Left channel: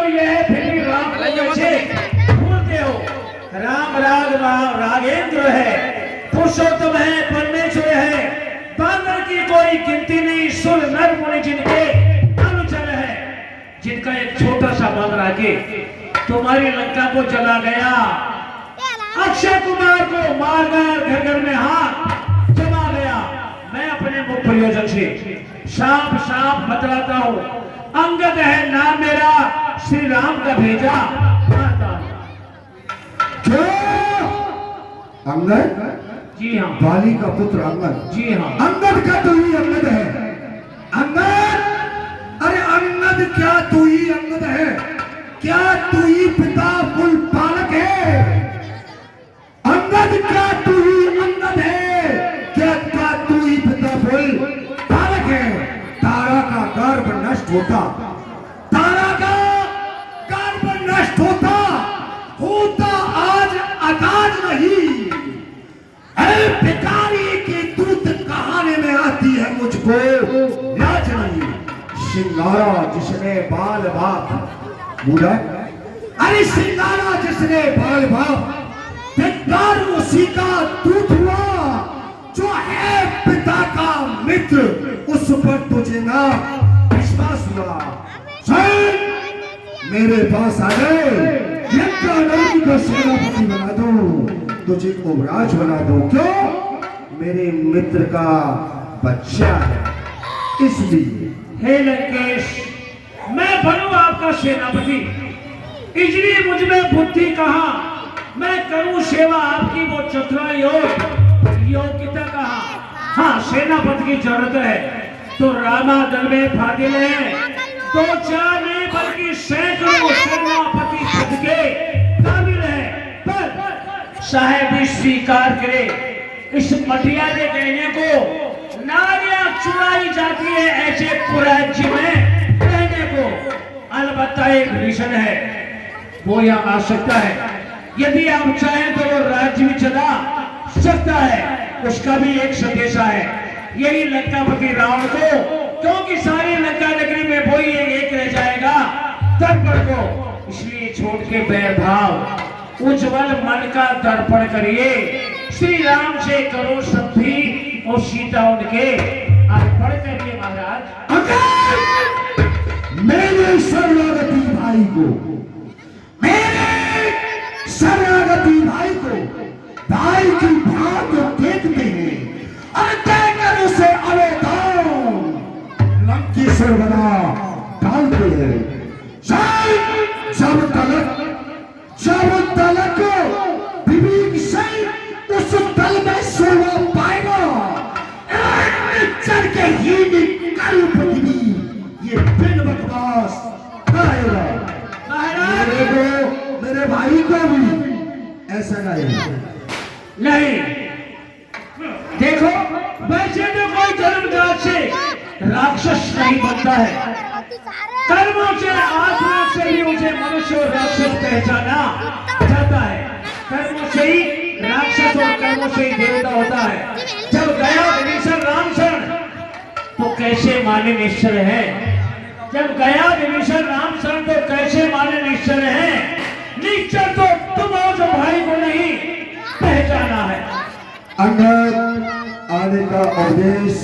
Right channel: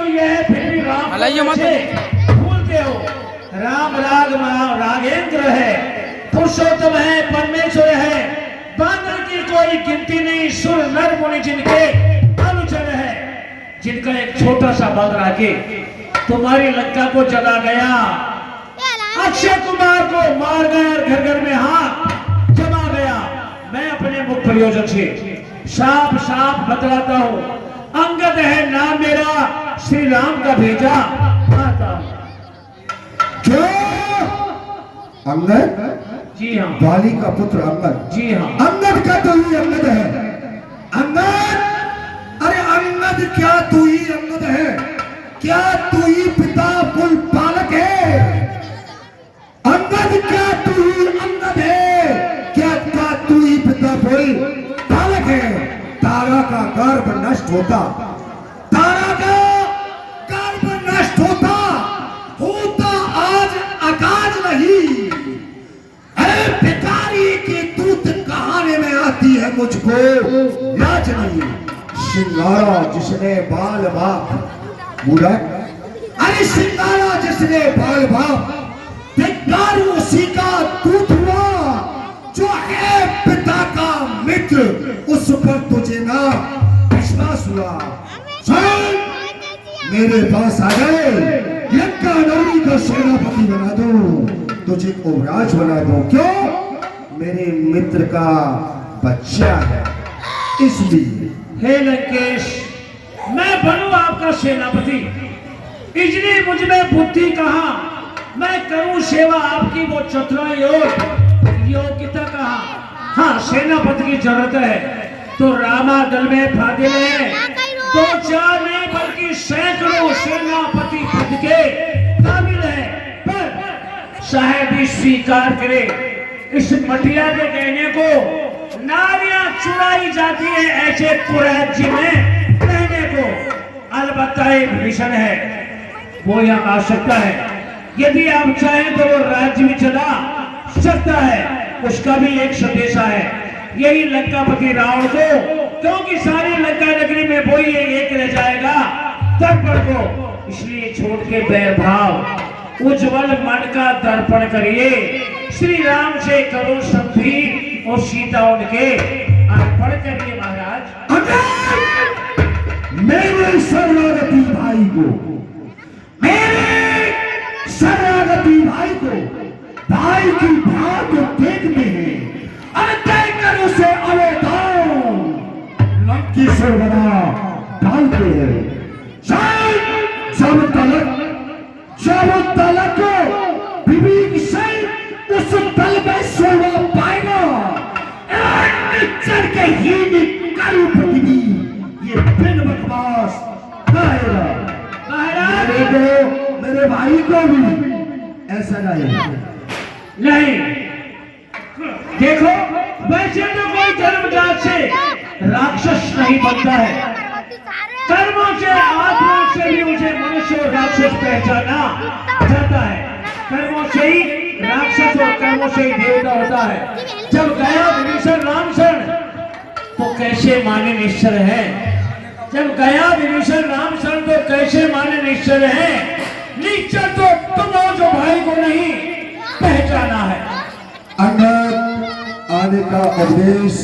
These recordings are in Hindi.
तो यह है फिर भी राम को कैसे भूलते हो। राम रागेंद्र है, पुरुषोत्तम है, परमेश्वर है, बानर की कोई गिनती नहीं, सुर नर मुनि जिनके अनुचर है, जिनका एक छोटा सा बाग राके तुम्हारी लंका को जला गया, अक्षय कुमार को मार गया, घर घर में हाथ जमा गया। मैं अपने मुख प्रयोजन से साफ साफ बतलाता हूँ, अंगद है नाम मेरा, श्री राम का भेजा आता। क्यों? अंगद? जी हाँ। बाली का पुत्र अंगद? जी हाँ। अंगद का तो ही अंगद है। अंगद, अरे अंगद क्या तू ही अंगद है? क्या तू ही पिता कुल पालक है? अंगद क्या तू ही अंगद है? क्या तू ही पिता कुल पालक है? तारा का गर्भ नष्ट होता, तारा का गर्भ नष्ट होता आज आकाश नहीं। अरे पितारी की दूत कहानी में आती है, मुझको लाज नहीं। सिंगारा जिसने बाल बाप बूढ़ा, अरे सिंगारा जिसने बाल बाप, धिक्कार उसी का दूत हुआ जो है पिता का मित्र, उस पर तुझे ना विश्वास हुआ। चल मेरे पास आ गए, लंका नगरी का सेनापति बना दूं, तुझे युवराज बना दूं। क्यों? मेरे मित्र का बच्चा है इसलिए। हे लंकेश, मैं बनूं आपका सेनापति, इसलिए मुझ में बुद्धि कहाँ, मैं करूं सेवा आपकी वो चतुरा योग्यता कहाँ। हाँ, सेनापति की जरूरत है तो रामा दल में फादिल है, तो चार नहीं बल्कि सैकड़ों सेनापति पद के काबिल है। पर साहेब स्वीकार करे, इस मटिया के कहने को नारियां चुराई जाती है ऐसे पुरैज्य में कहने को। अलबत्ता एक मिशन है, वो यहाँ आ सकता है, यदि आप चाहें तो वो राज्य भी चला सकता है, उसका भी एक संदेशा है, यही लंकापति रावण को, क्योंकि सारी लंका नगरी में वही एक रह जाएगा तब पर को, इसलिए छोड़ के बैर भाव उज्जवल मन का दर्पण करिए, श्री राम से करो संधि और सीता उनके अर्पण करिए। महाराज मेरे शरणागति भाई को, मेरे शरणागति भाई को, भाई की भाग देखते हैं और देखकर उसे अवधान लंकेश्वर बना डालते हैं। जब तलक विवेक से उस दल में शोभा पाएगा, चढ़ के ही करू पृथ्वी ये बिन बकवास कहेगा। मेरे भाई को भी ऐसा नहीं। देखो, वैसे तो कोई जन्मजात से राक्षस नहीं बनता है, कर्मों से आचरण से भी मुझे मनुष्य और राक्षस पहचाना जाता है। कर्मों से ही राक्षस और कर्मों से ही देवता होता है। जब गया विभीषण राम शरण तो कैसे माने निश्चर है, जब गया विभीषण राम शरण तो कैसे माने निश्चर है। निश्चर तो तुम हो जो भाई को नहीं पहचाना है। अंगद आने का उपदेश,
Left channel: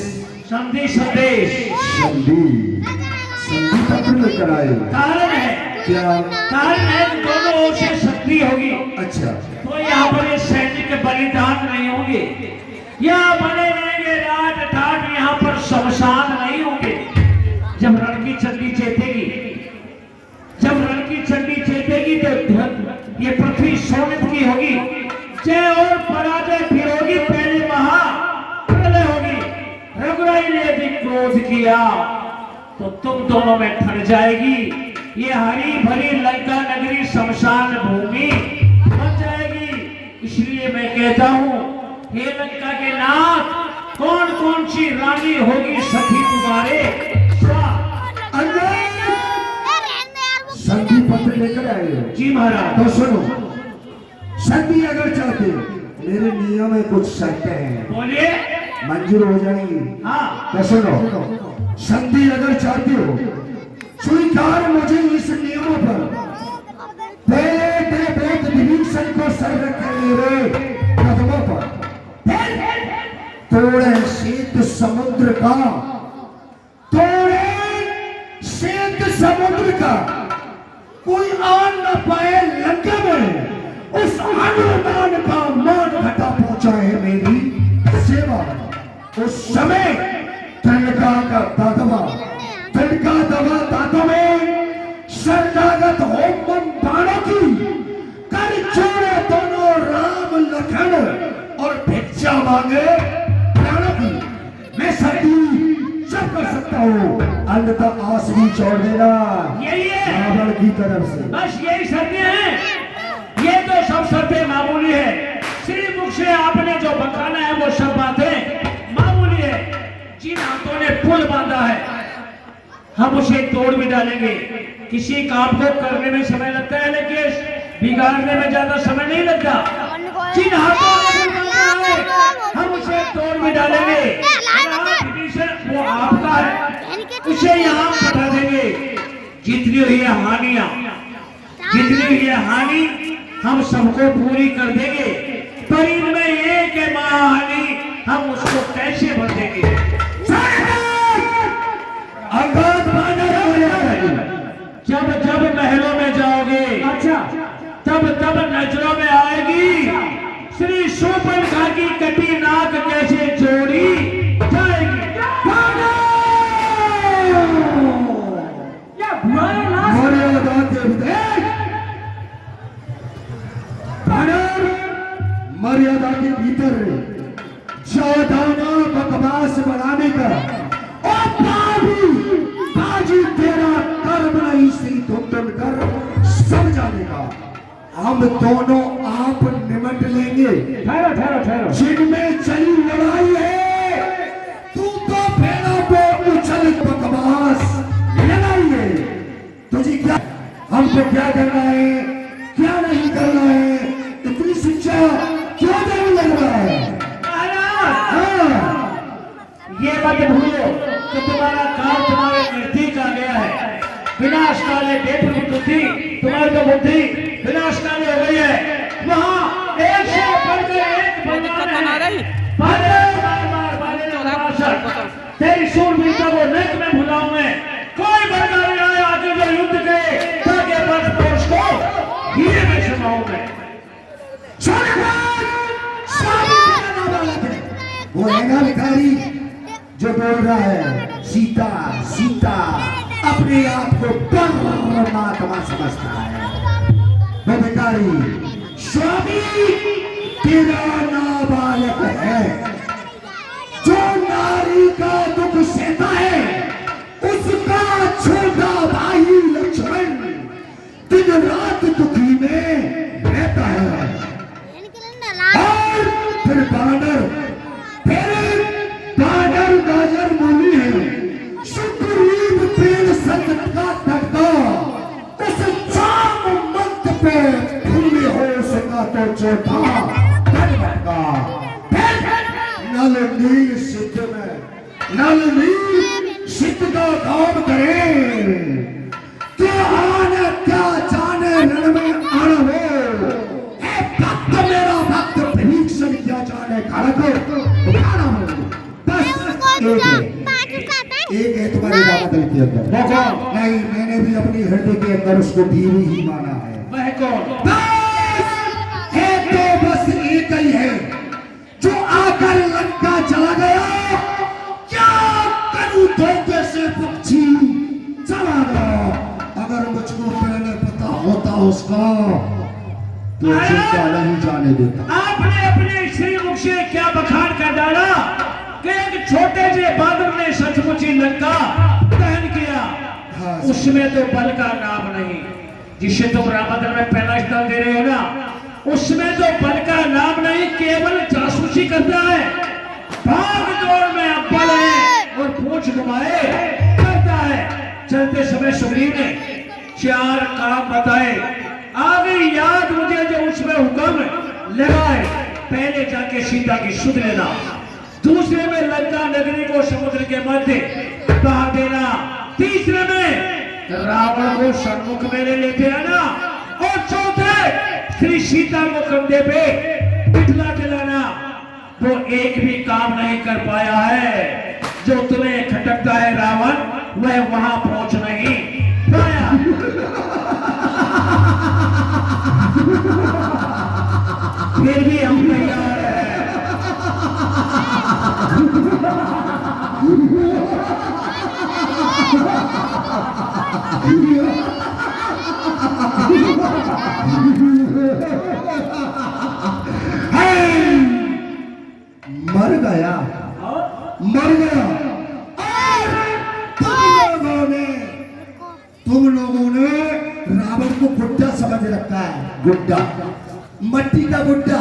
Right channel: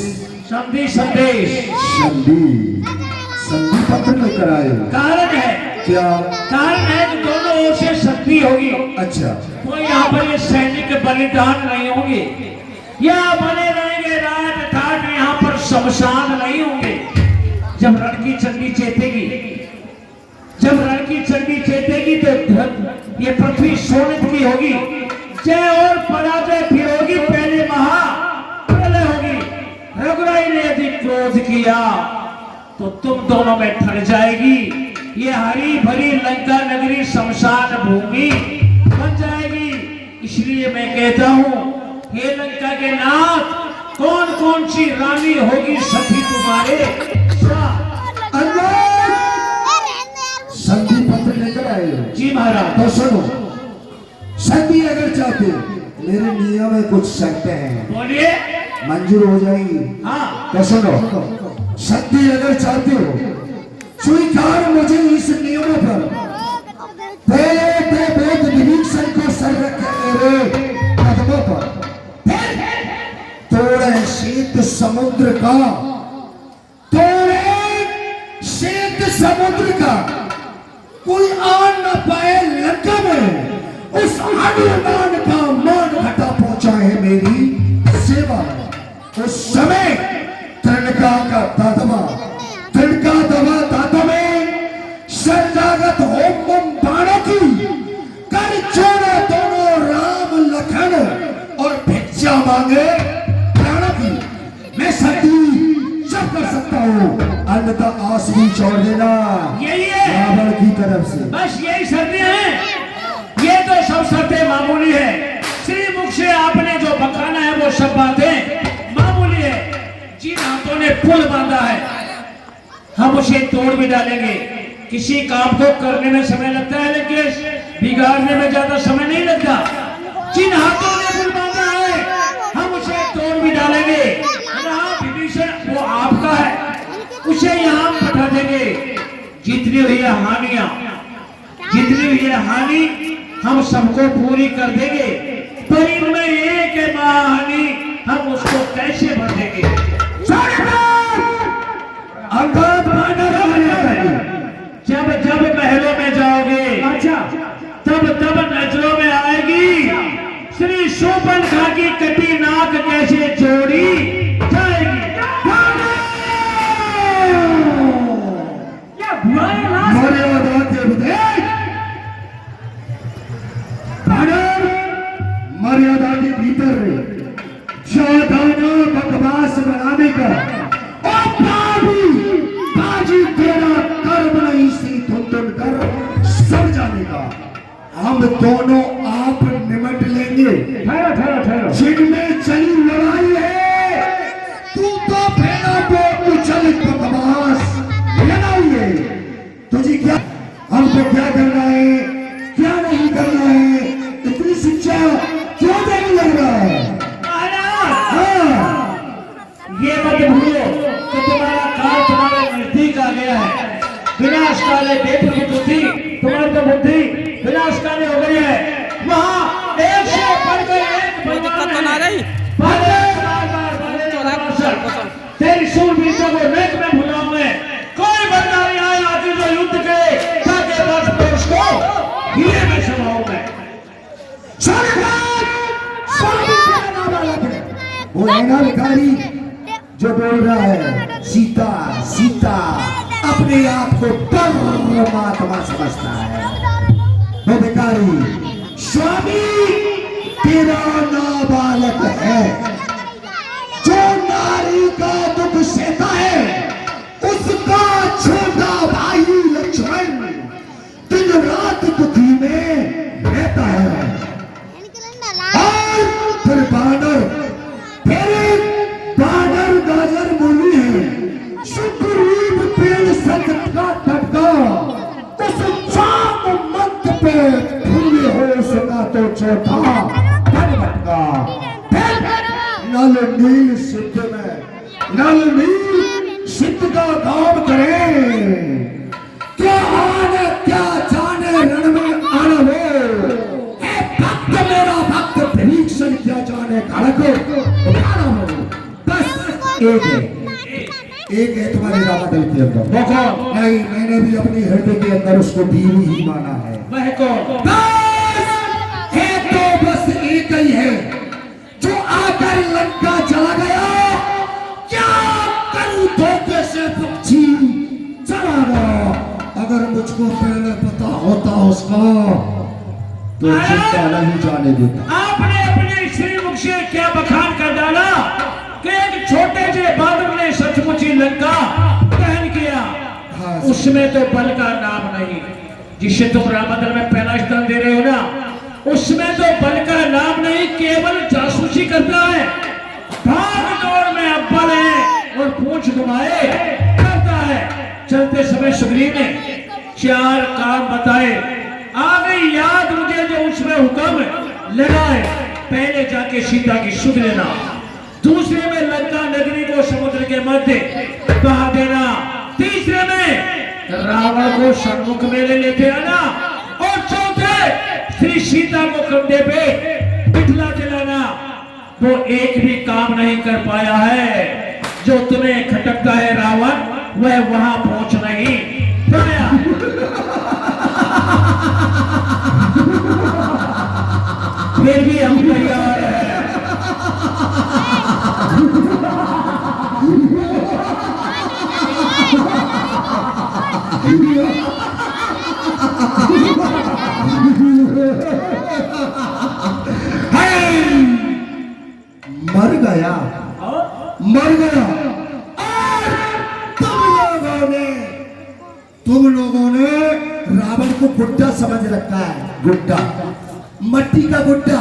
संधि संदेश, संधि पत्र लेकर आए। कारण है क्या? कारण है कि दोनों ओर से शक्ति होगी। अच्छा, तो यहाँ पर ये सैनिक बलिदान नहीं होंगे, यहाँ बने रहेंगे राज ठाट, यहाँ पर शमशान नहीं होंगे। जब रण की चंडी चेतेगी, जब रण की चंडी चेतेगी तो ये पृथ्वी सोनित की होगी, जय और पराजय फिर होगी, पहले महाप्रलय होगी। रघुराई ने यदि क्रोध किया तो तुम दोनों में ठन जाएगी, ये हरी भरी लंका नगरी शमशान भूमि बन जाएगी। इसलिए मैं कहता हूँ, हे लंका के नाथ, कौन कौन सी रानी होगी सखी तुम्हारे? संधि पत्र लेकर आए। जी महाराज। तो सुनो, संधि अगर चाहते, मेरे नियम में कुछ शर्तें हैं, बोलिए। मंजूर हो जाएंगी? हाँ। तो सुनो, संधि अगर चाहते हो, स्वीकार मुझे इस नियमों पर सीता कोई आन न पाए लंका में, उस अनुमान का मान घटा पहुंचा है मेरी सेवा। उस समय तनका का दादवा, तनका दवा दादों में शरणागत होम बाणों की कर छोड़े दोनों राम लखन और भिक्षा मांगे प्राणों की। मैं सती सब कर सकता हूँ, अन्यथा आंसू छोड़ देना यही है रावण की तरफ से। बस यही शर्तें हैं, ये तो सब शर्तें मामूली है। श्री मुख से आपने जो बखाना है वो सब बातें मामूली है। जिन हाथों ने पुल बांधा है हम उसे तोड़ भी डालेंगे। किसी काम को करने में समय लगता है लेकिन बिगाड़ने में ज्यादा समय नहीं लगता। जिन हाथों ने पुल बांधा है हम उसे तोड़ भी डालेंगे। विभीषण वो आपका है, उसे यहाँ पठा देंगे। जितनी हुई है हानियां, जितनी हुई है हानि हम सबको पूरी कर देंगे, पर इनमें एक महाहानि हम उसको कैसे भर देंगे। जब जब महलों में जाओगे, अच्छा तब तब नजरों में आएगी श्री शूर्पणखा की कटी नाक कैसे जोड़ी जाएगी। मर्यादा के विदेश, मर्यादा के भीतर ज्यादाना बकवास बढ़ाने का बाजी तेरा कर्म नहीं सी तुम कर सड़ जाने का। हम दोनों आप निमट लेंगे। ठहरो ठहरो ठहरो, जिनमें चली लड़ाई है तू तो फेना पे उछल बकवास लगाइए। तुझे क्या, हमको क्या करना है क्या नहीं करना है, इतनी शिक्षा क्यों देने लग रहा है? हाँ, ये मत भूलो कि तुम्हारा काल तुम्हारे नजदीक आ गया है। विनाश काले बुद्धि, तुम्हारी तो बुद्धि विनाश काले हो गई है। वहाँ एक से बढ़कर एक भगवान है। तेरी शूरवीरता को नरक में भुलाऊं मैं। कोई बंदा नहीं आए आगे जो युद्ध के ताकि बस पर उसको ये मैं सुनाऊं मैं। वो है ना भिखारी जो बोल रहा है सीता सीता, अपने आप को परमात्मा समझता है। वो भिखारी स्वामी तेरा नाबालक है, जो नारी का दुख सहता है उसका छोटा भाई लक्ष्मण दिन रात दुखी में रहता है। और फिर बानर गाजर मूली है, सुग्रीव पेड़ संकट का टटका, उस चांद मंत पे फूले हो सका तो चौथा पद भटका। नल नील सिद्ध में, नल नील सिद्ध का काम करे, क्या आने क्या जाने रण में आने हो। भक्त मेरा भक्त भीषण क्या जाने खड़क उठाना हो। बस एक है तुम्हारे रामा दल के अंदर। नहीं, मैंने भी अपनी हृदय के अंदर उसको बीवी ही माना है। वह कौन? है तो बस एक ही है जो आकर लंका चला गया। क्या करूं धोखे से पक्षी चला गया। अगर मुझको पहले पता होता उसका तो चिंता नहीं जाने देता। आपने अपने श्री मुख से क्या बखान कर डाला कि एक छोटे से बादल ने सचमुच ही लंका दहन किया। हाँ, उसमें तो बल का नाम नहीं। जिसे तुम रामायण में पहला स्थान दे रहे हो ना, उसमें तो बल का नाम नहीं, केवल जासूसी करता है। भाग दौड़ में अव्वल है और पूंछ घुमाए करता है। चलते समय सुग्रीव ने 4 काम बताए। आगे याद मुझे जो उसमें हुक्म लगाए, पहले जाके सीता की सुध लेना, दूसरे में लंका नगरी को समुद्र के मध्य बहा देना, तीसरे में रावण को सन्मुख में लेते आना, और चौथे श्री सीता को कंधे पे बिठला दिलाना। वो एक भी काम नहीं कर पाया है। जो तुम्हें खटकता है रावण, वह वहां पहुंच नहीं पाया। हाय, मर गया, मर गया। और तुम लोगों ने रावण को गुड्डा समझ रखा है, गुड्डा, मट्टी का गुड्डा।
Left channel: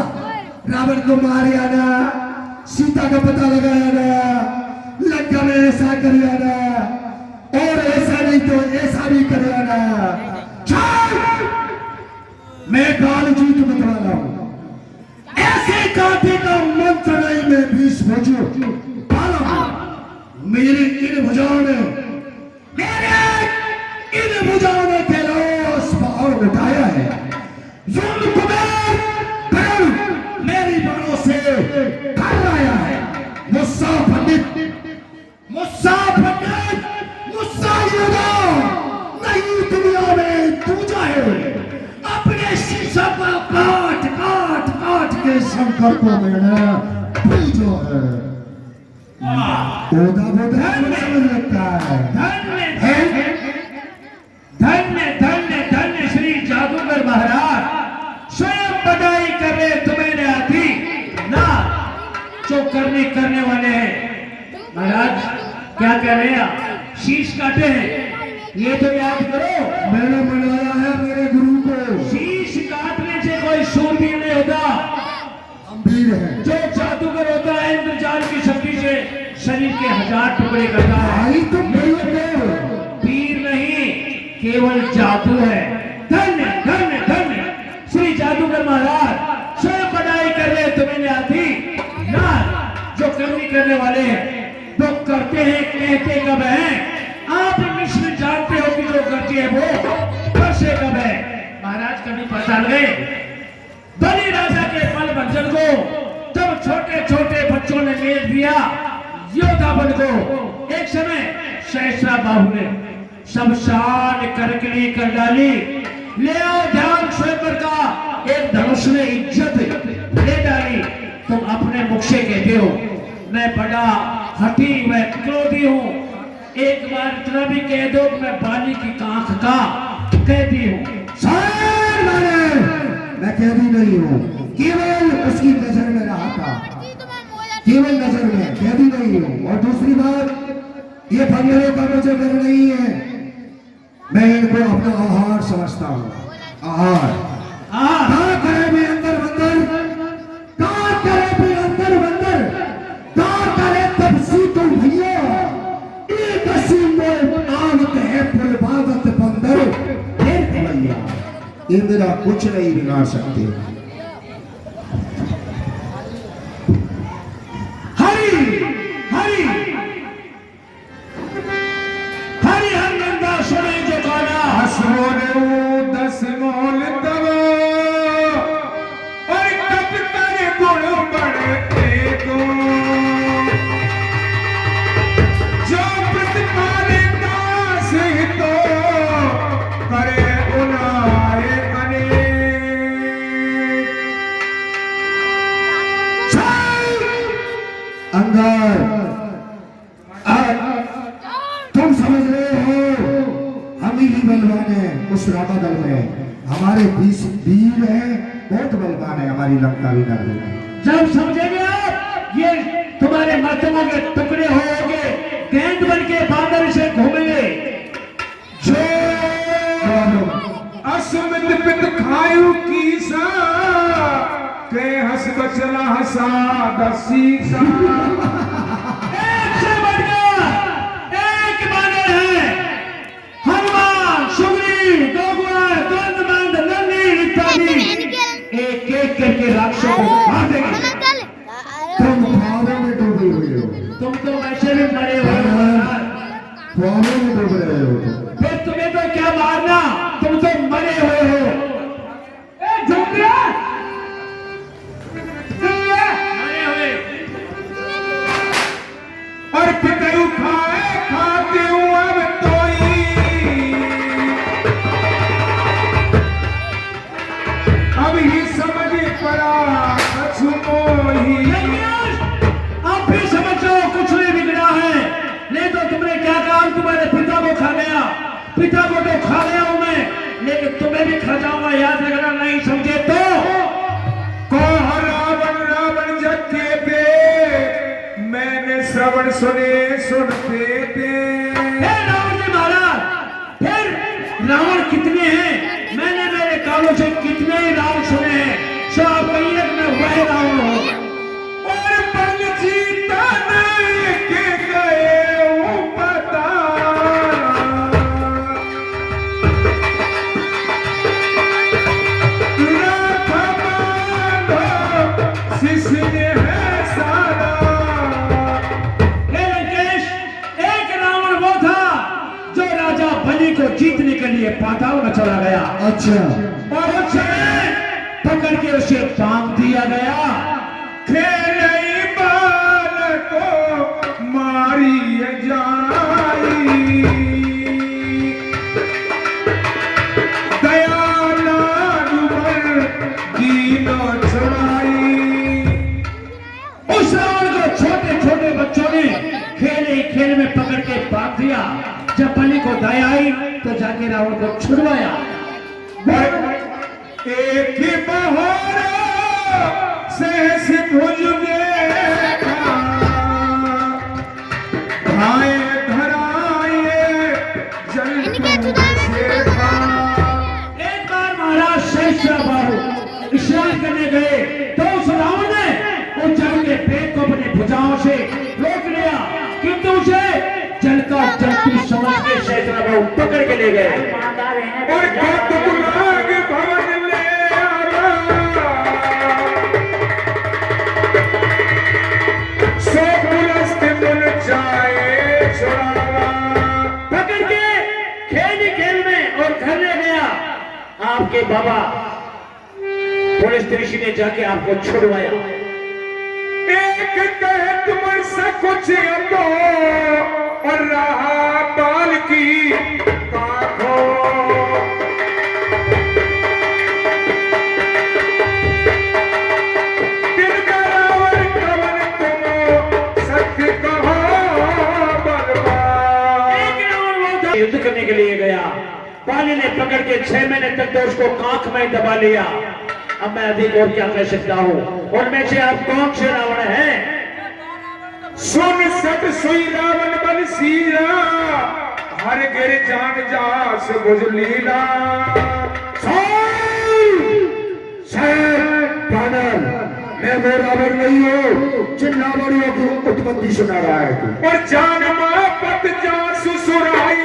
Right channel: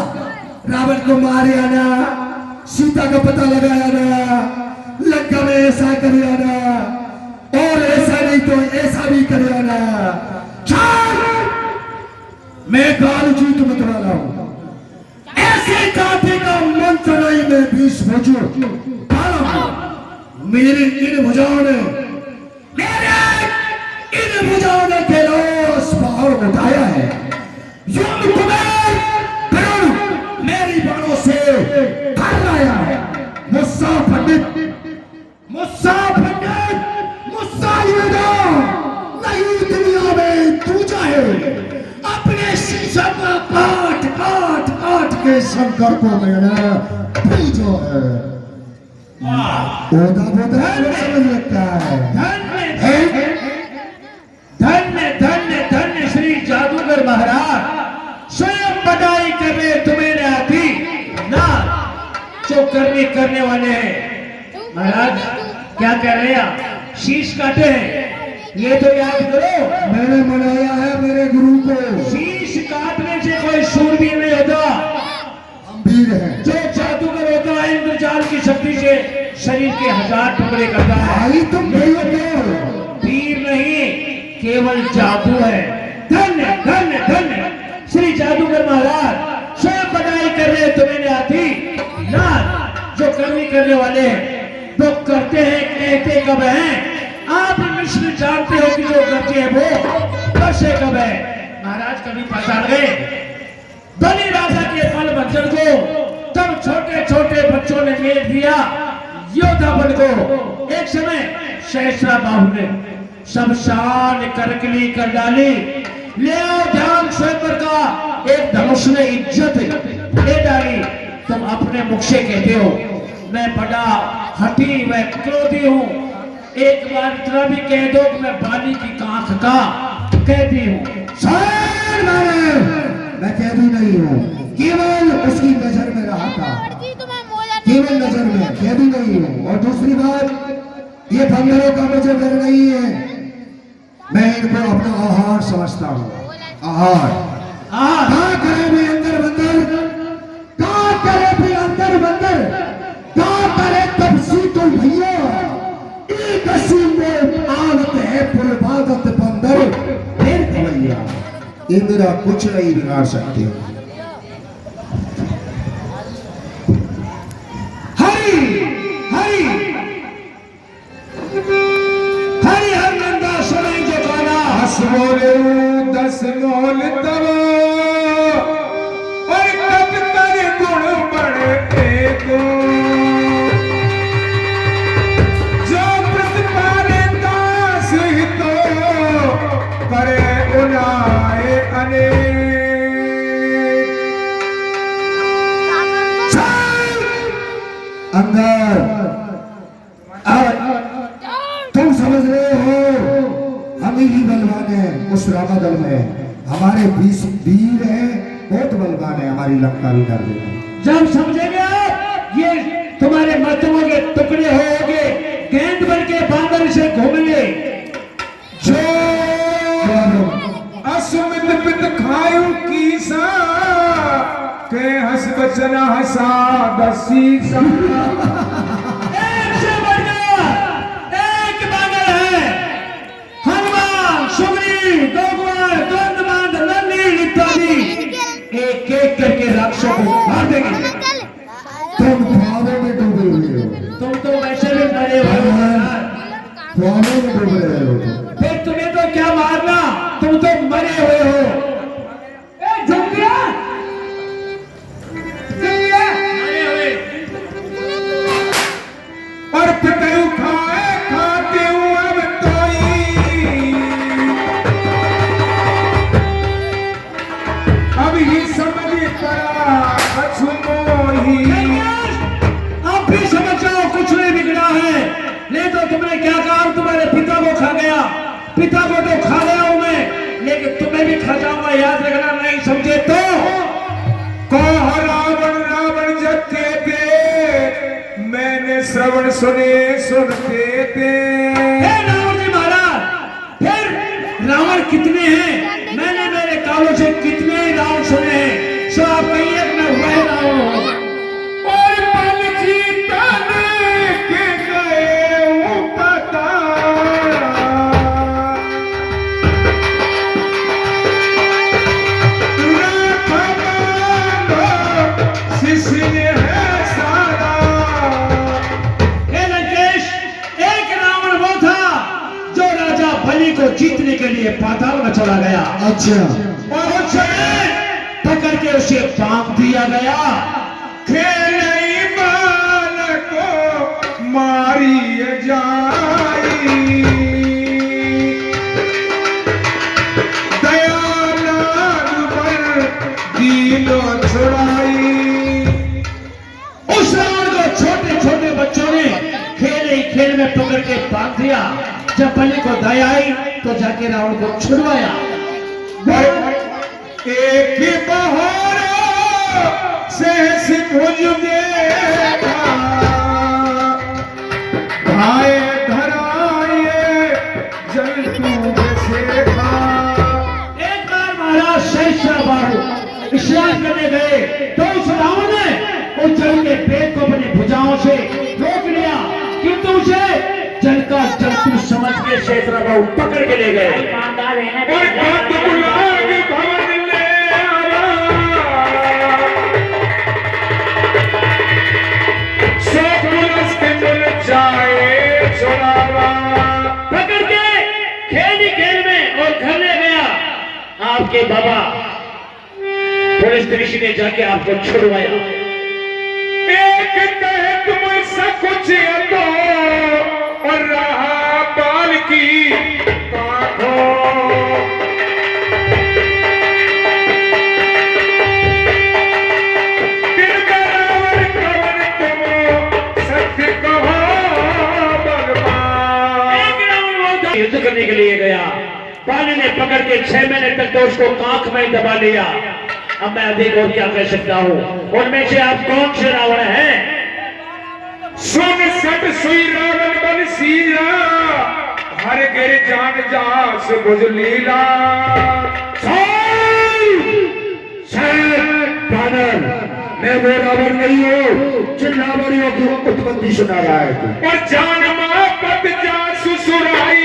रावण को मारे आना, सीता का पता लगाया ना, लंका में ऐसा कर आना, और ऐसा नहीं तो ऐसा भी कर आना। मैं काल जीत मतवाला हूं, ऐसे कांटे का मंत्र नहीं मैं 20 भुजों पाला हूं। मेरी इन भुजाओं ने, मेरे इन भुजाओं ने कैलाश पहाड़ उठाया है। युद्ध कुबेर गरुड़ मेरी बाणों से कर लाया है। मुस्सा पंडित, मुस्सा पंडित, मुस्सा युद्ध नहीं दुनिया में दूजा है। अपने शीशा को काट काट काट के शंकर को मैंने पूजो है। ओदा बोधा समझ लगता है। धन्य धन्य धन्य श्री जादूगर महाराज, स्वयं बधाई कर रहे तुम्हें ने आती ना, जो करने वाले हैं। महाराज क्या कह रहे हैं आप? शीश काटे हैं, ये तो याद करो। मैंने मनाया है मेरे गुरु को। शीश काटने से कोई शूरवीर नहीं होता, हम वीर हैं। जो जादूगर होता है इंद्रजाल की शक्ति से शरीर के 1000 टुकड़े करता है। आई तुम वीर नहीं, केवल जादू है। धन्य धन्य धन्य श्री जादूगर महाराज, स्वयं बधाई कर रहे तुम्हें आती ना, जो करने वाले हैं वो करते हैं, कहते कब हैं। आप मिश्र जानते हो कि जो करते हैं वो बसे कब है। महाराज कभी पहचान गए बलि राजा के फल बंधन को, तब छोटे छोटे बच्चों ने मेल दिया योद्धा बल को। एक समय सहस्रा बाहु ने सब शान करकली कर डाली। ले आओ ध्यान स्वयंवर का एक धनुष ने इज्जत ले डाली। तुम अपने मुख से कहते हो मैं बड़ा हठी व क्रोधी हूँ। एक बार इतना भी कह दो कि मैं बाली की कांख का कहती हूँ। मैं कहती नहीं हूँ, केवल उसकी नजर में रहा था, केवल नजर में, कहती नहीं हूँ। और दूसरी बात, ये भंगरों का मुझे डर नहीं है, मैं इनको अपना आहार समझता हूँ। आहार कहाँ करे भी अंदर बंदर, कहाँ करे भी अंदर बंदर, कहाँ करे तब सीतो भैया। एक असीम में आदत है पुलभागत बंदर फिर भैया, ये मेरा कुछ नहीं बिगाड़ सकते। हरि हरि हरि हर नंदा सुने जो गाना। हस मोले 10 मोल तब, और कब कर गुण बढ़े को, जो प्रतिपाले दास हितो करे उनाए अनेक। अंदर तुम समझ रहे हो हम ही बलवान हैं उस राधा दल में। हमारे 20 वीर हैं, बहुत बलवान है, हमारी लंका भी कर देगा। जब समझेंगे आप, ये तुम्हारे मर्दों के टुकड़े होंगे, गेंद बन के बांदर से घूमेंगे। जो असुमित पित खायु कीसा, के हस बचना हसा दसीसा। एक से बढ़कर एक बानर है। हनुमान, सुग्रीव, गौगुआ, दंडमांद, नंदी इत्यादि एक एक करके राक्षसों को मार देंगे। तुम ख्वाबों में डूबे हुए हो, तुम तो वैसे भी मरे हुए हो यार। ख्वाबों में डूब रहे हो। फिर तुम्हें तो क्या मारना, तुम तो मरे हुए हो। ए झुमरिया, मरे हुए। और पकड़ू खाए खाते हूँ अब तोई, अब ही समझ पड़ा कछु मोही। आप भी समझ लो कुछ नहीं बिगड़ा है। नहीं तो तुमने क्या काम, तुम्हारे पिता को खा गया, पिता को तो खा गया हूं मैं, लेकिन तुम्हें भी खा जाऊंगा, याद रखना। नहीं समझे तो श्रवण सुने सुनते थे। रावण जी महाराज, फिर रावण कितने हैं? मैंने मेरे कानों से कितने ही रावण सुने हैं, सो आप कहिए कि मैं वह रावण हूं। और बल जीतने के गए वो पता, शिष्य है सारा। हे लंकेश, एक रावण वो था जो राजा बलि को जीतने के लिए पाताल में चला गया अच्छा और उसे पकड़ के उसे बांध दिया गया। खेलई बाल को मारी जाई, दयानंद पर दिलो छुड़ाई। उस रावण को छोटे छोटे बच्चों ने खेल ही खेल में पकड़ के बांध दिया। जब बलि को दया आई तो जाके रावण को छुड़वाया। एक ही बहारा सहस भुज देखा, भाए धराए जल शेखा। एक बार महाराज सहस्राबाहु स्नान करने गए तो उस रावण ने उस जल के पेट को अपनी भुजाओं से रोक लिया, किंतु उसे जल का जंतु समझ के सहस्राबाहु पकड़ के ले गए। और बात बुलाग भवन ले आवा, सो पुलस्त मिल जाए छुड़ावा। पकड़ के खेल ही खेल में और घर ले गया। आपके बाबा पुलिस ऋषि ने जाके आपको छुड़वाया। एक कहे तुम सब कुछ दो और रहा बाल की काखो। दिल का रावण कवन तुम सत्य कहो बलवान। एक रावण वो था युद्ध करने के लिए गया। पानी ने पकड़ के 6 महीने तक तो उसको कांख में दबा लिया। अब मैं अधिक और क्या कह सकता हूँ। उनमें से आप कौन से रावण हैं? सुन सत सुई रावण बन सीरा, हर गिर जान जास बुझ लीला। मैं वो रावण नहीं हूँ जिन रावणियों की उत्पत्ति सुना रहा है तू। और जान मापत जासु सुराई,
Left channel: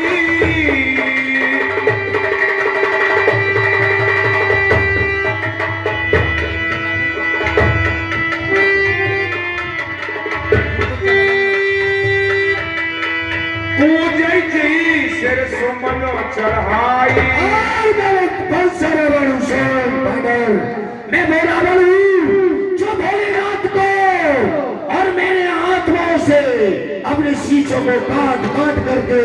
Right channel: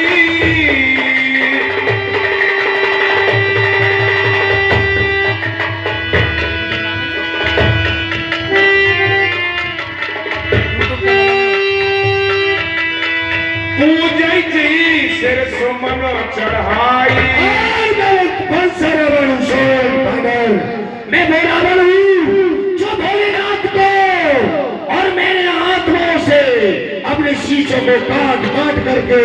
पूजै जी सिर सुमनो चढ़ाई। मैं वो रावण हूँ जो भोलेनाथ को और मेरे आत्माओं से अपने शीशों को काट काट करके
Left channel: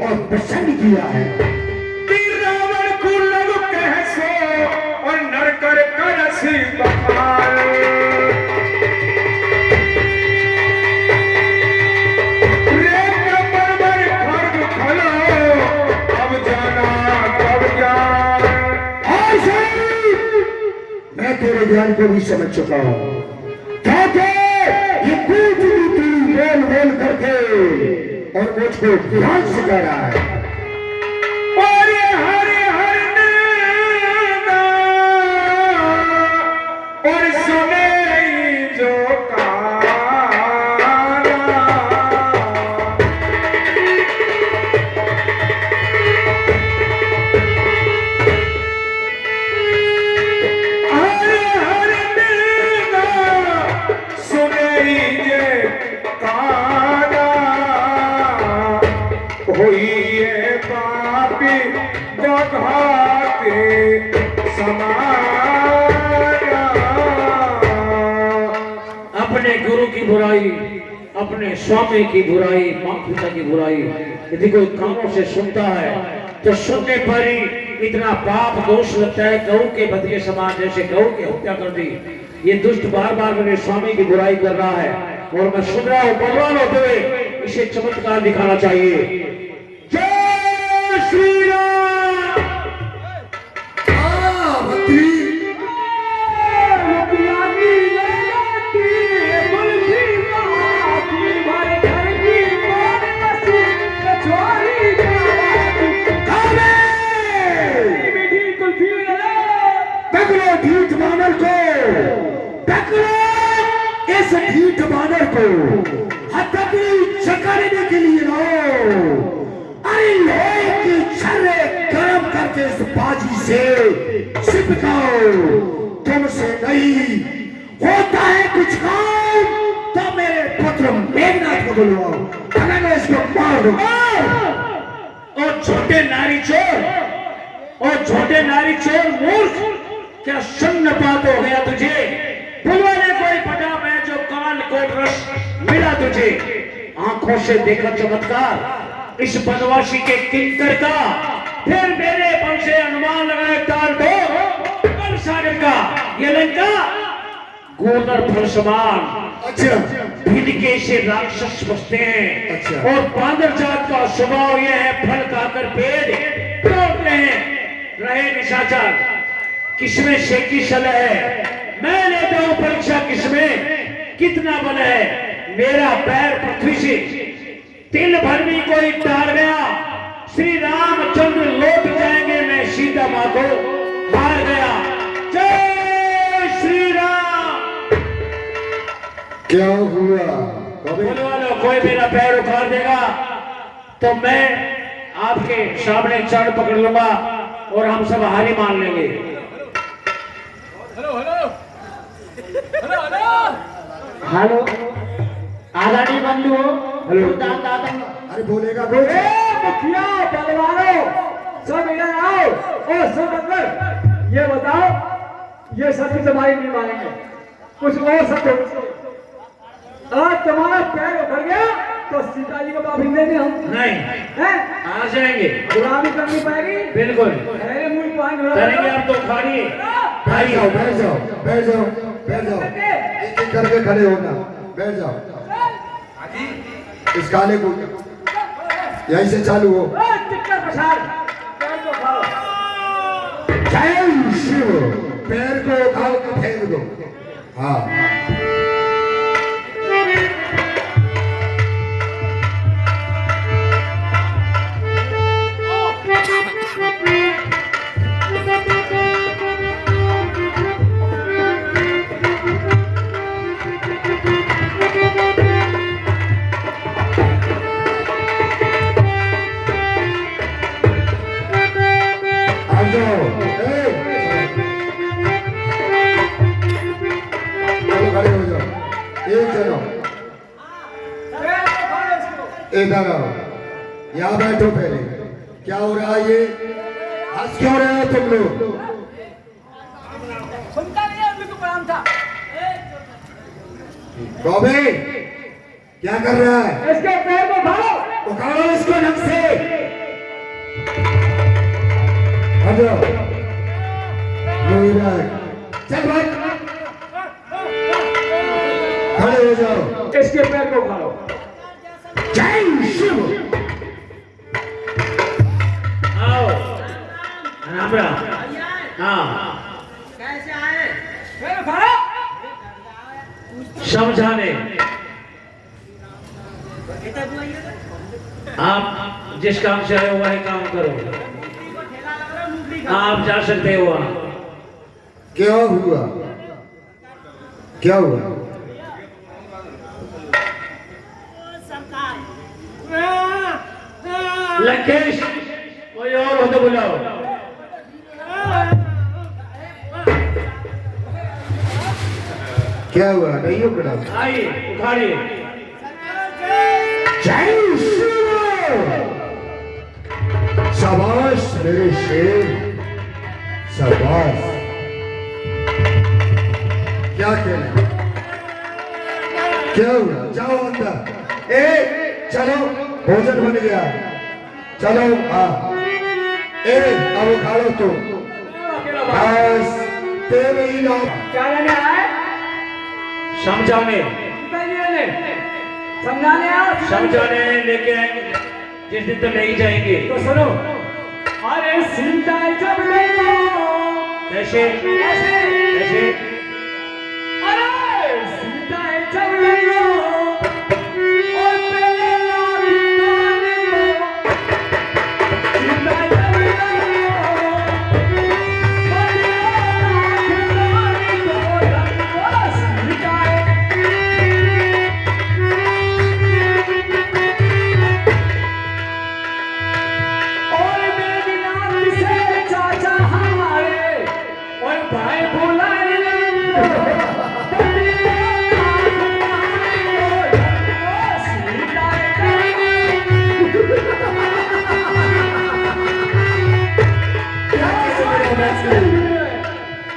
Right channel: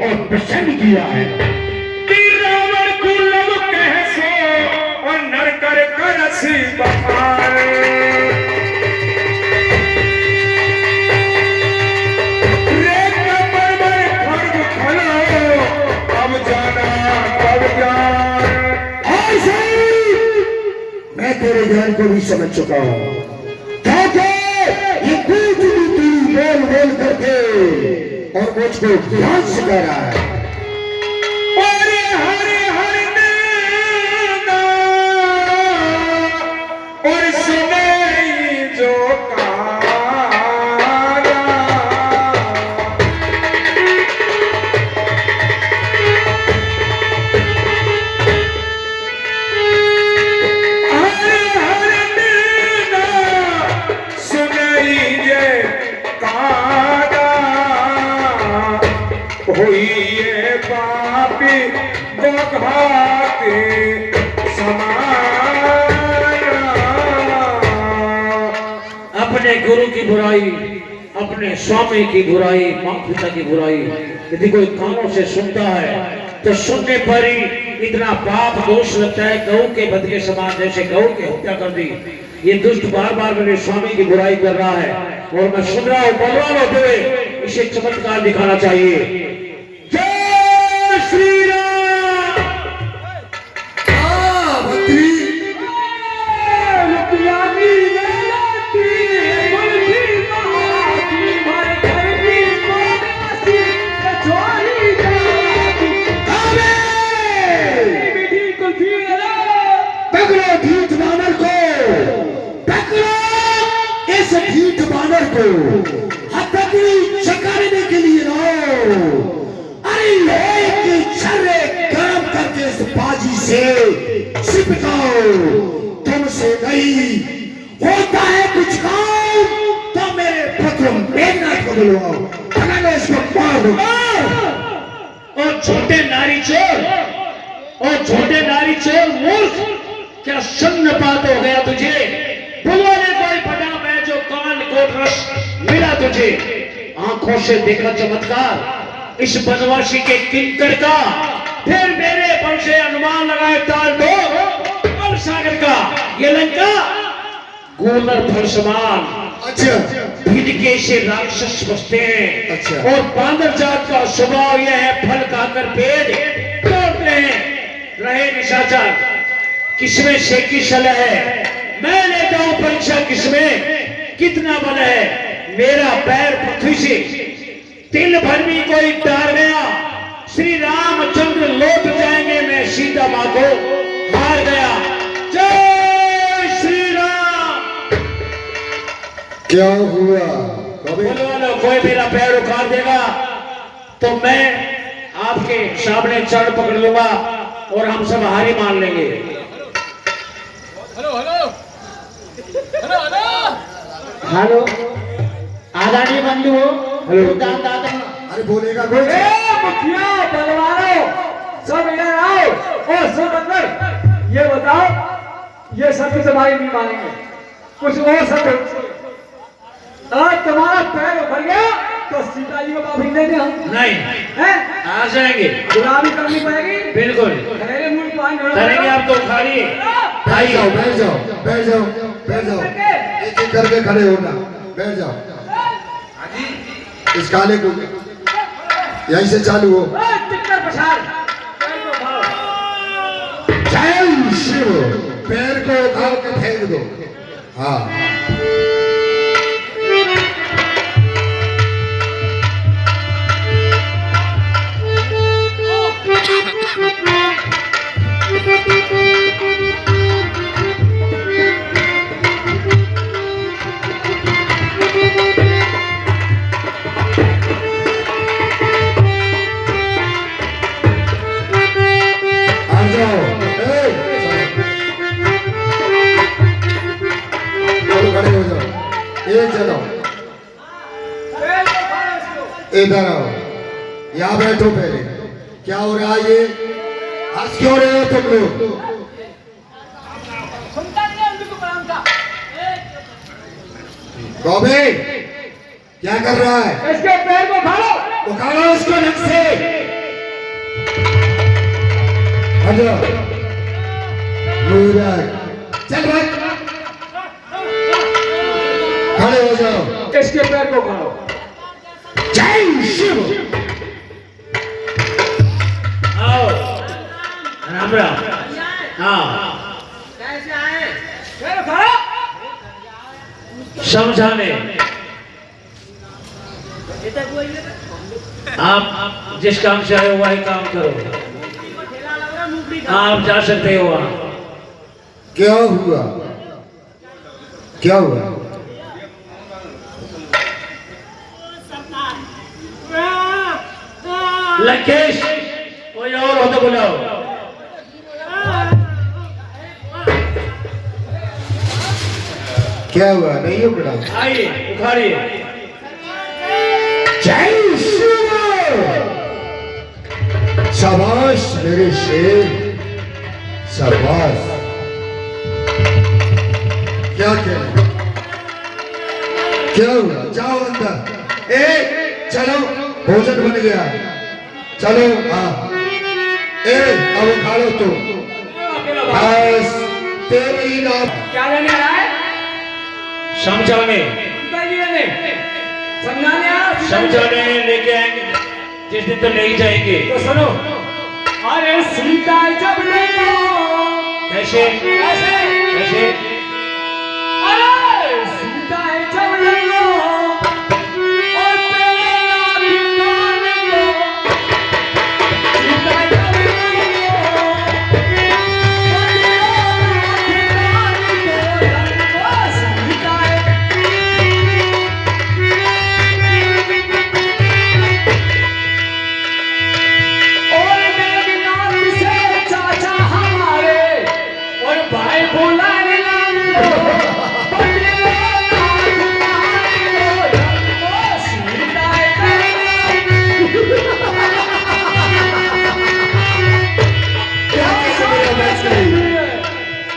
और प्रसन्न किया है। रावण को लग कह सो और नर कर करसी बखार। रे कमर खर्ग खलो, अब जाना कब जान। ऐसे मैं तेरे ज्ञान को भी समझ चुका हूँ। कहते ये कूट नीति बोल बोल करके और मुझको ध्यान सिखा रहा है। और हरे हरे नैना, और सुने जो कारा। हरे हरे नैना, सुने जे कारा। होइए पापी बघाते समाना। अपने गुरु की बुराई, अपने स्वामी की बुराई, माँ पिता की बुराई यदि कोई कानों से सुनता है तो सुनने पर ही इतना पाप दोष लगता है। गऊ के बध के समान, जैसे गऊ की हत्या कर दी। ये दुष्ट बार बार मेरे स्वामी की बुराई कर रहा है और मैं सुन रहा हूँ। बलवान होते हुए इसे चमत्कार दिखाना चाहिए। जय श्री राम। मंत्री मुखिया की बेटी, मुल्की महाती भर इस ढीठ बानर को हथकड़ी चकारने के लिए लो। अरे लोहे की छर्रे गर्म करके इस बाजी से चिपकाओ। तुमसे नहीं होता है कुछ काम तो मेरे पुत्र मेघनाथ को बुलवाओ, मैं इसको मार दूं। और छोटे नारी चोर, और छोटे नारी चोर मूर्ख, क्या शून्यपात हो गया तुझे? बुलवाने कोई बड़ा मैं जो कान को रस मिला तुझे। आंखों से देखा चमत्कार इस बनवासी के किंकर का, फिर मेरे बल से अनुमान लगाए ताल दो और सागर का। ये लंका गूलर फल समान अच्छा भिड़के से राक्षस बसते हैं। अच्छा। और बांदर जात का स्वभाव यह है फल खाकर पेड़ तोड़ते हैं। रहे निशाचर किसमें से की सलाह है, मैं लेता हूं परीक्षा किसमें कितना बल है। मेरा पैर पृथ्वी से तिल भर भी कोई तार गया, श्री रामचंद्र लौट जाएंगे, मैं सीता मां को मार गया। जय श्री राम। क्या हुआ? बोलो लो, कोई मेरा पैर उखाड़ देगा तो मैं आपके सामने चढ़ पकड़ लूंगा और हम सब हारी मान लेंगे। हेलो आदानी बंधु हो, हेलो। दादा अरे बोलेगा कुछ? मुखिया बलवानो सब इधर आओ। ओ सब अंदर, ये बताओ ये सत्य तुम्हारी नहीं मानेंगे, कुछ और सत्य। आज तुम्हारा पैर उखड़ गया तो सीता जी को माफी देंगे हम नहीं हैं? आ जाएंगे, गुलाबी करनी पड़ेगी बिल्कुल। मेरे मुंह पानी करेंगे आप तो खाइए। बैठ जाओ बैठ जाओ बैठ जाओ बैठ जाओ, एक एक करके खड़े होना, बैठ जाओ। इस काले को यहीं से चालू हो। जय शिव। पैर को उठा के फेंक दो। हाँ इधर आओ, यहाँ बैठो पहले। क्या हो रहा है ये? हंस क्यों रहे हो तुम लोग? गौबे क्या कर रहा है? इसके पैर को उठाओ, उखाड़ो इसको ढंग से। हटो चल भाग, खड़े हो जाओ। इसके पैर को उठाओ। जय शिव। आओ राम राम। हाँ कैसे आए? समझाने आप जिस काम से आए हो वही काम करो। आप जा सकते हो वहाँ। क्या हुआ? क्या हुआ? लंकेश कोई और हो तो बुलाओ। क्या हुआ? नहीं उखड़ा? आइए उखाड़िए। जय शिव। शाबाश मेरे शेर, शाबाश। क्या कहना? क्या हुआ? जाओ अंदर। चलो भोजन बन गया, चलो। हाँ अब उखाड़ो तुम, बस तेरे ही नाम। क्या लेने आया है? समझाने समझाने लेके आएंगे, जिस दिन तो ले ही जाएंगे। तो सुनो, अरे सीता जब ले कैसे कैसे अरे सीता जब ले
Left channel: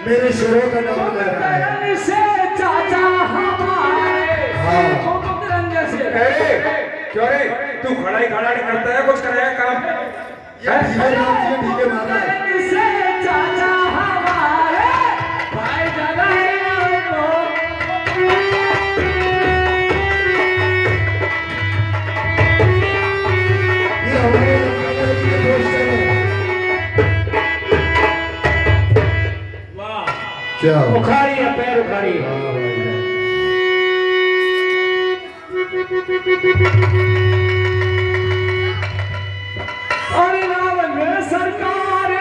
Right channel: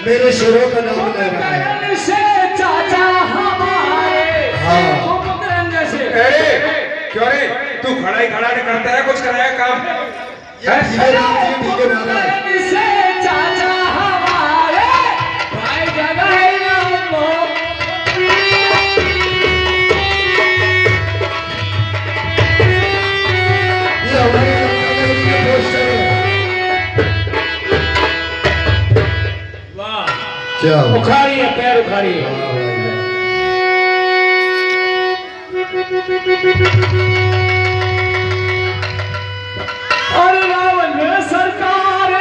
मेरे शेरों का नाम ले रहा है। से चाचा हमारे हाँ। मकरंद से अरे क्यों रे तू खड़ा ही खड़ा नहीं करता है कुछ कराया काम ये धीरे राम जी ठीक है महाराज। से चाचा हमारे भाई जगाई हमको ये हमारे नगर के पोस्टर है। वाह क्या हुआ? उखाड़ी है पैर उखाड़ी है हाँ भाई। और रावण में सरकार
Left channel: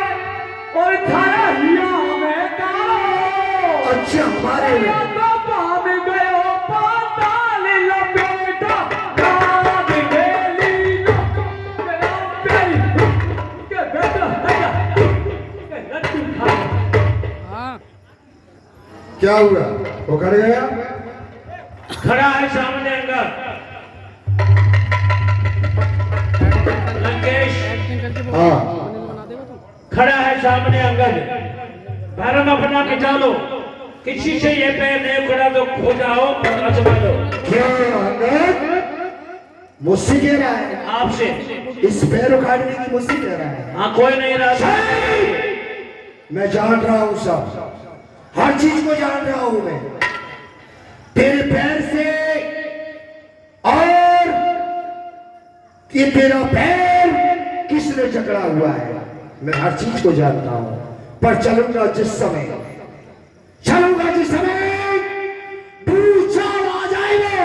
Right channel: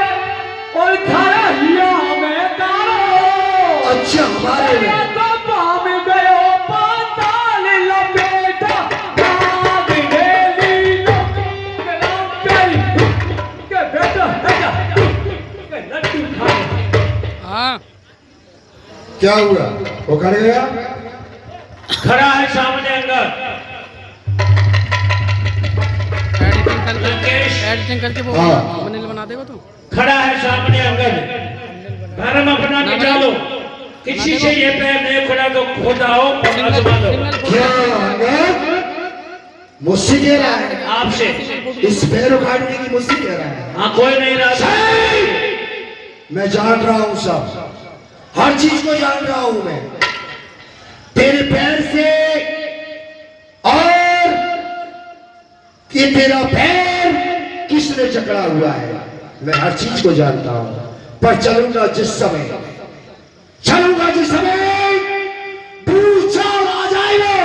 और थारा हिया में तारो अच्छा हमारे ये तो पाम गयो पाताल लपेटा काग गेली लोक के नाम प्यारी के बेटा के लड्डू खा क्या हुआ? वो कर गया? खड़ा है सामने अंदर लंकेश एडिटिंग करके वो हाँ। thumbnail बना देगा तो खड़ा है सामने अंगद धर्म अपना निकालो किसी से ये पैर नहीं खुला तो खो जाओ और आजमा लो क्या अंगद? मुझसे कह रहा है? आपसे इस पैर उखाड़ने की मुझसे कह रहा है? हाँ कोई नहीं रहा मैं जान रहा हूँ सब, हर चीज को जान रहा हूँ मैं। तेरे पैर से और कि तेरा पैर किसने जकड़ा हुआ है, मैं हर चीज को जानता हूँ। पर चलूंगा जिस समय भूचाल आ जाएगा,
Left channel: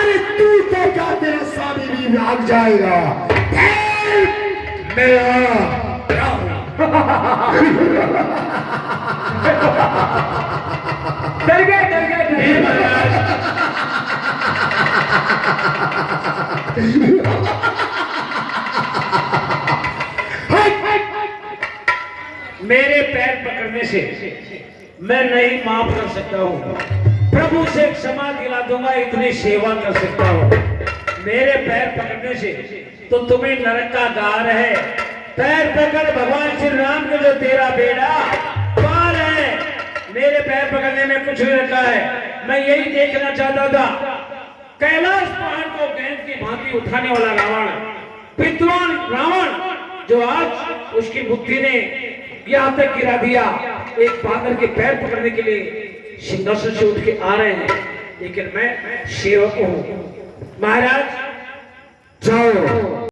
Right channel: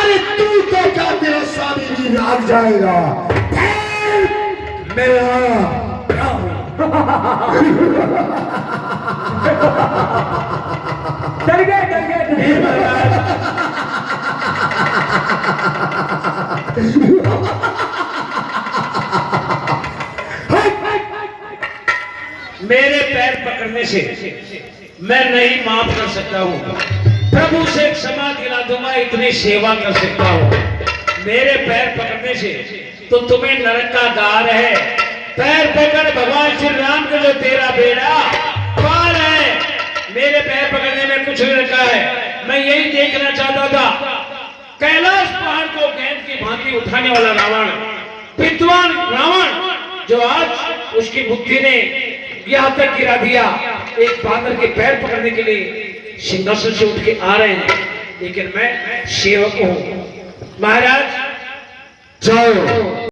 अरे तू तो क्या मेरा स्वामी भी भाग जाएगा। पैर मेरा डर गए महाराज मेरे पैर पकड़ने से मैं नहीं माफ कर सकता हूँ प्रभु से क्षमा दिला दूंगा इतनी सेवा कर सकता हूँ मेरे पैर पकड़ने से तो तुम्हें नरक का द्वार है पैर पकड़ भगवान श्री राम का जो तेरा बेड़ा पार है मेरे पैर पकड़ने में कुछ नहीं रखा है मैं यही देखना चाहता था कैलाश पहाड़ को गेंद की भांति उठाने वाला रावण विद्वान रावण जो आज उसकी बुद्धि ने यहाँ तक गिरा दिया एक बांदर के पैर पकड़ने के लिए सिंहासन से उठ के आ रहे हैं लेकिन मैं सेवक हूँ महाराज जाओ।